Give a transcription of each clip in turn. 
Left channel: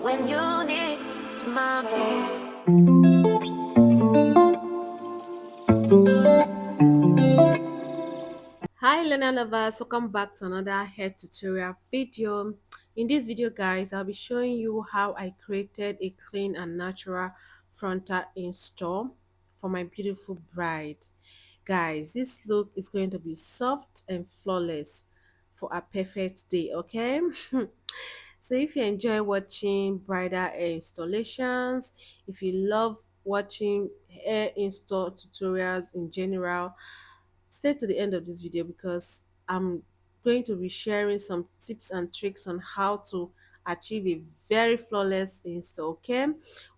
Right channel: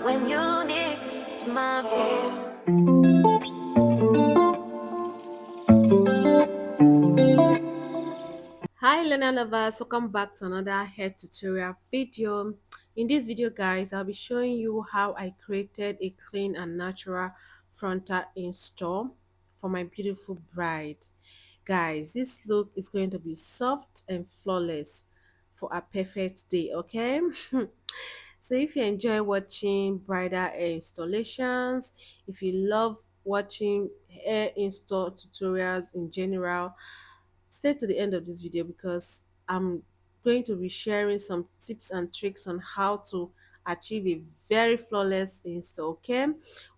when you need my voice. Hi learner lovers, welcome back to another hair tutorial video. In this video guys, I'll be showing you how I created a clean and natural frontal install for my beautiful bride. Guys, this look is going to be soft and flawless for a perfect day, okay? So if you enjoy watching bridal hair installations, if you love watching hair install tutorials in general, stay to the end of this video because I'm going to be sharing some tips and tricks on how to achieve a very flawless install. Okay,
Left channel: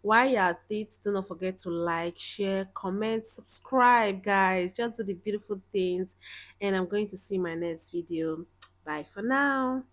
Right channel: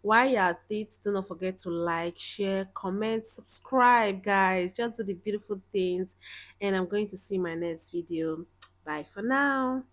while you're at it, do not forget to like, share, comment, subscribe. Guys, just do the beautiful things, and I'm going to see you in my next video. Bye for now.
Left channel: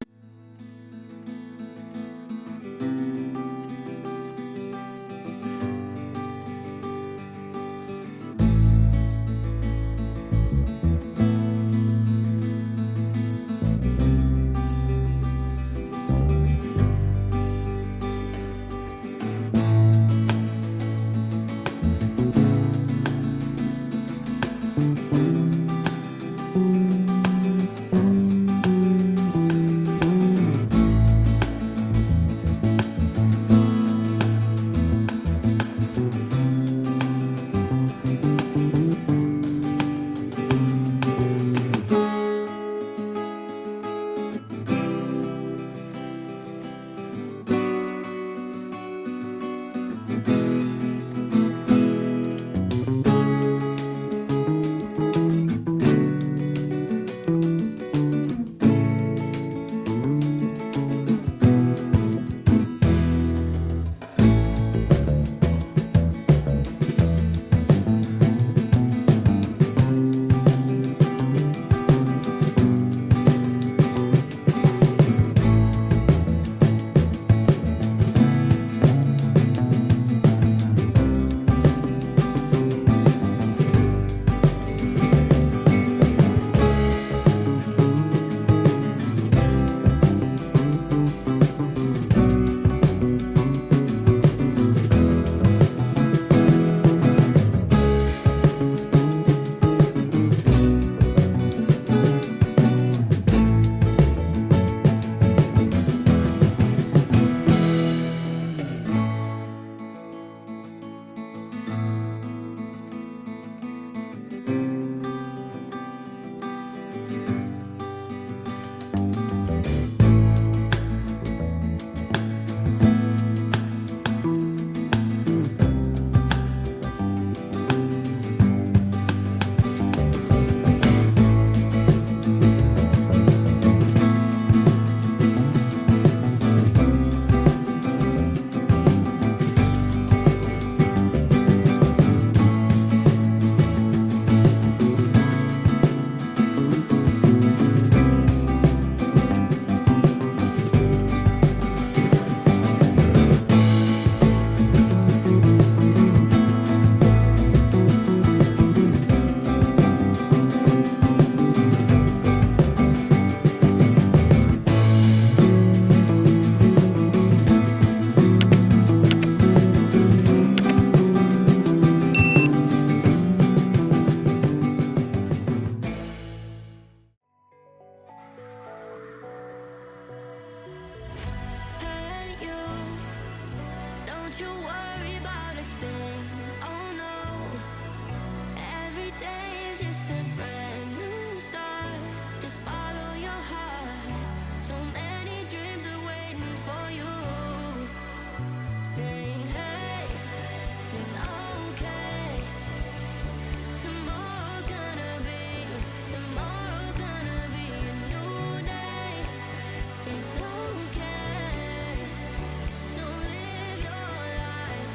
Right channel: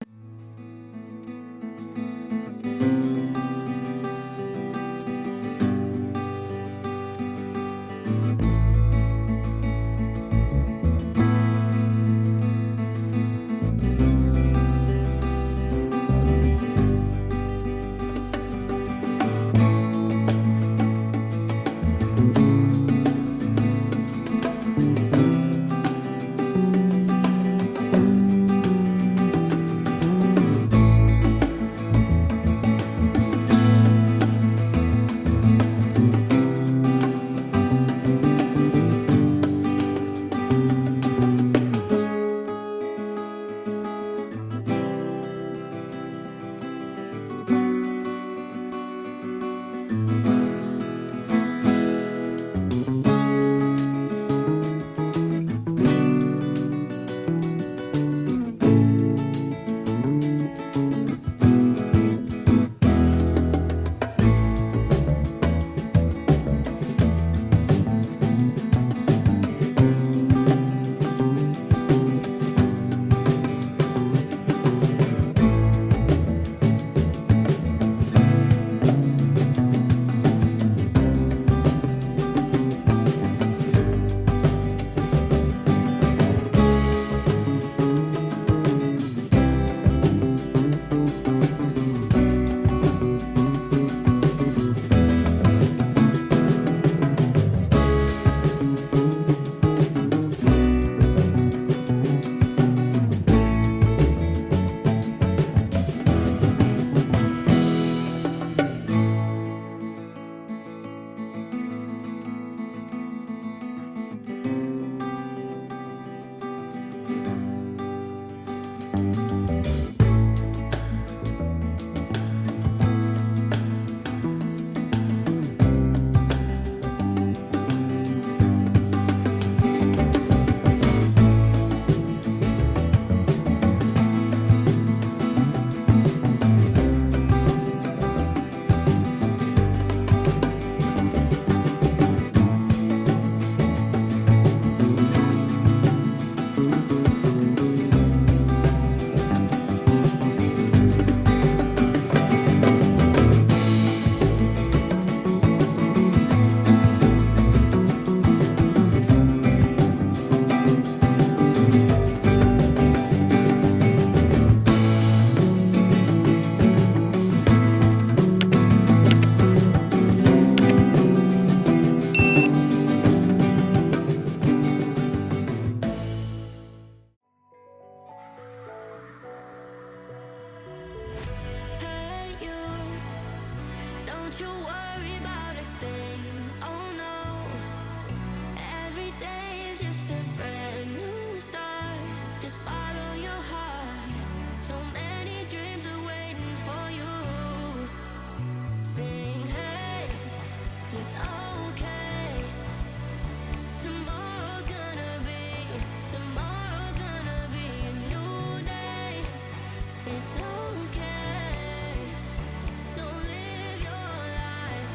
Hey, you, don't you worry about a thing. Oh no, every day is just a brand new start. Just follow your heart. So many dreams are waiting for you. Sing, hey, it's okay. Tomorrow's gonna be a new day. It's okay. So live your life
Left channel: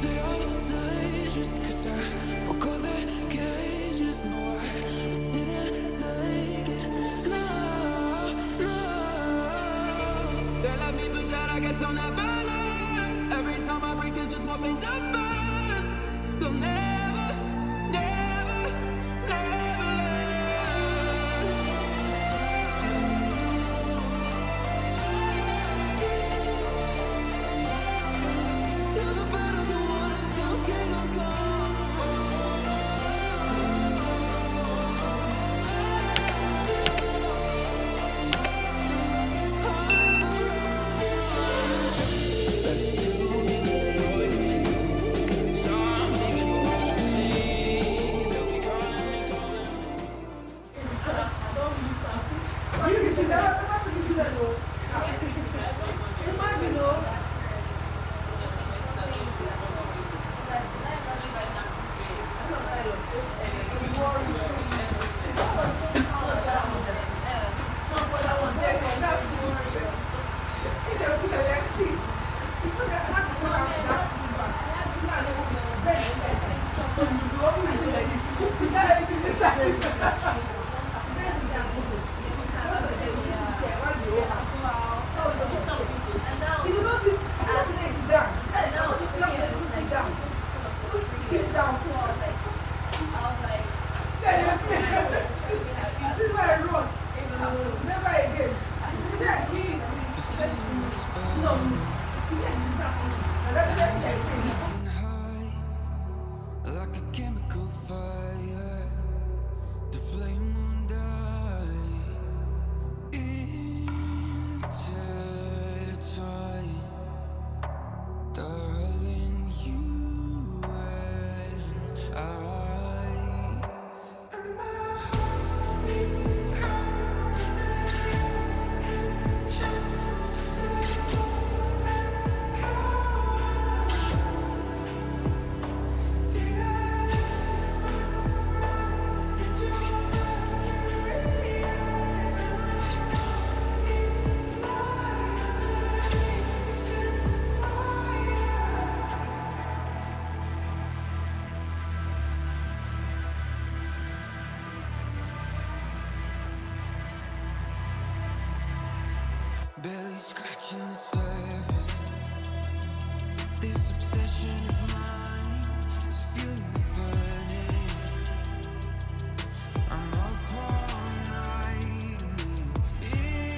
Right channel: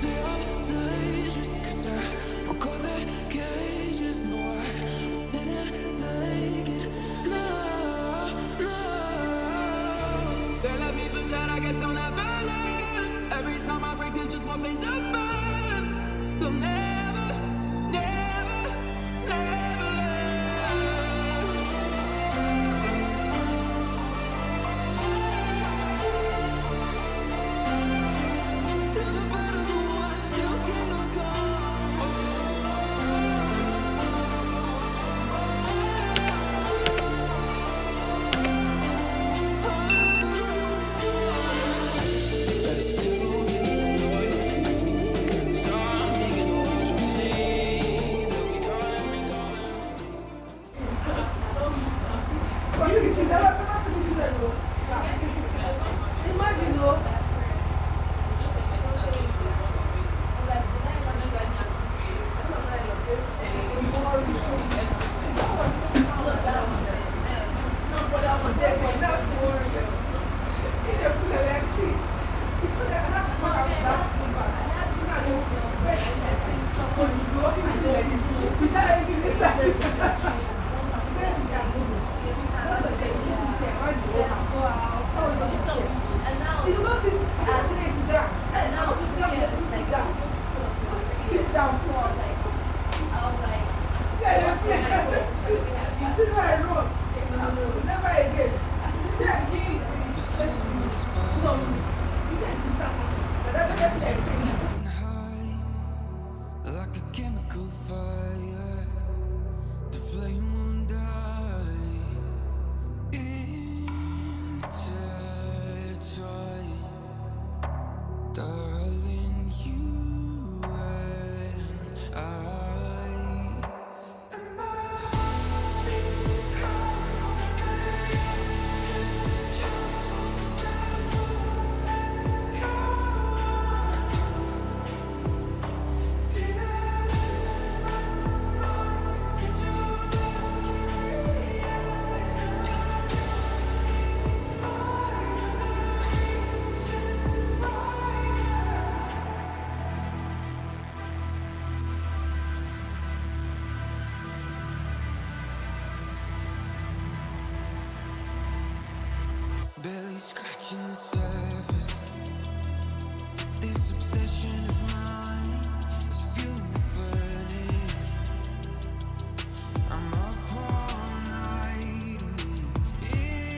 stay up late just 'cause I broke all the cages. No, I didn't take it. No, no. They let me feel that I guess they'll never learn. Every time I break, there's just more pain to burn. They'll never, never, never learn. Till the battle's won, still kingdom come. That's too many loyalty. 'Cause I'm taking what you see. They'll be calling me, calling me. Rising high, like a chemical fire, the flame won't die. Intertwine, darling, you and I. And my heart beats cold, and you can show the symbols that go. Did I lose my mind into mercury? Yes, and I know barely scratching the surface. This obsession of mine is fueling the furnace. I'm up all night and we intertwine.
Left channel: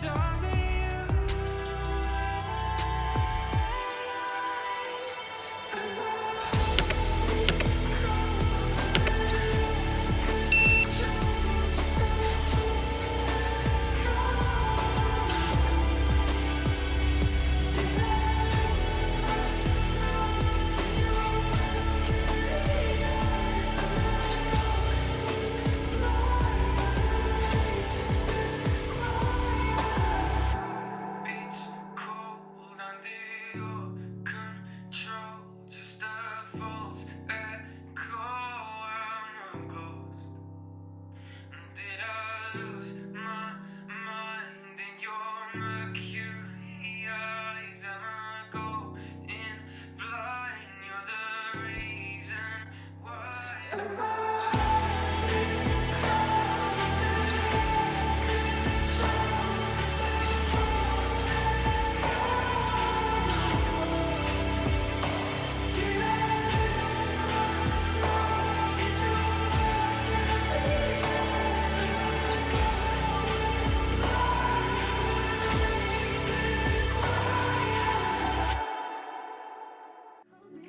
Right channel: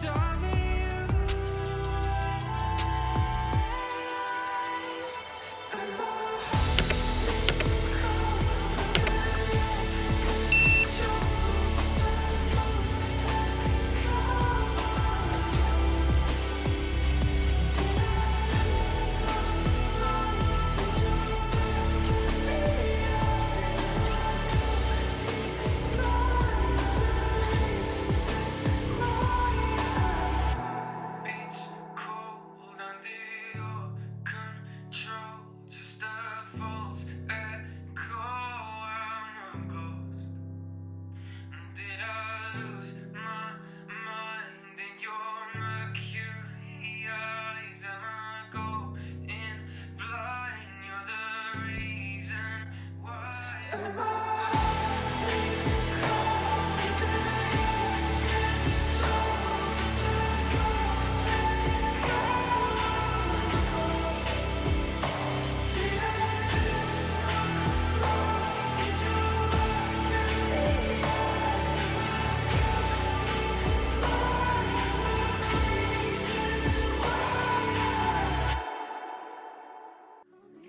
Darling, you and I. And my heart beats cold under your control. Just levels and go. Did I lose my mind in your mercury? Yes, and I go blind racing wire. Beach cold under your control. Just a false echo. I'm a ghost. Did I lose my mind in your mercury eyes? Am I going blind? You're the reason why. And my heart beats cold under your control. Just a false echo. Did I lose my mind in your mercury? Yes, am I going blind racing wire? Hold me,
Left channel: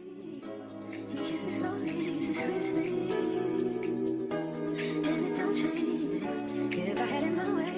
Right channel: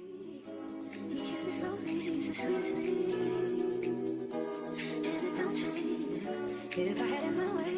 you kiss me slowly, it's the sweetest thing, and it don't change. If I had it my way,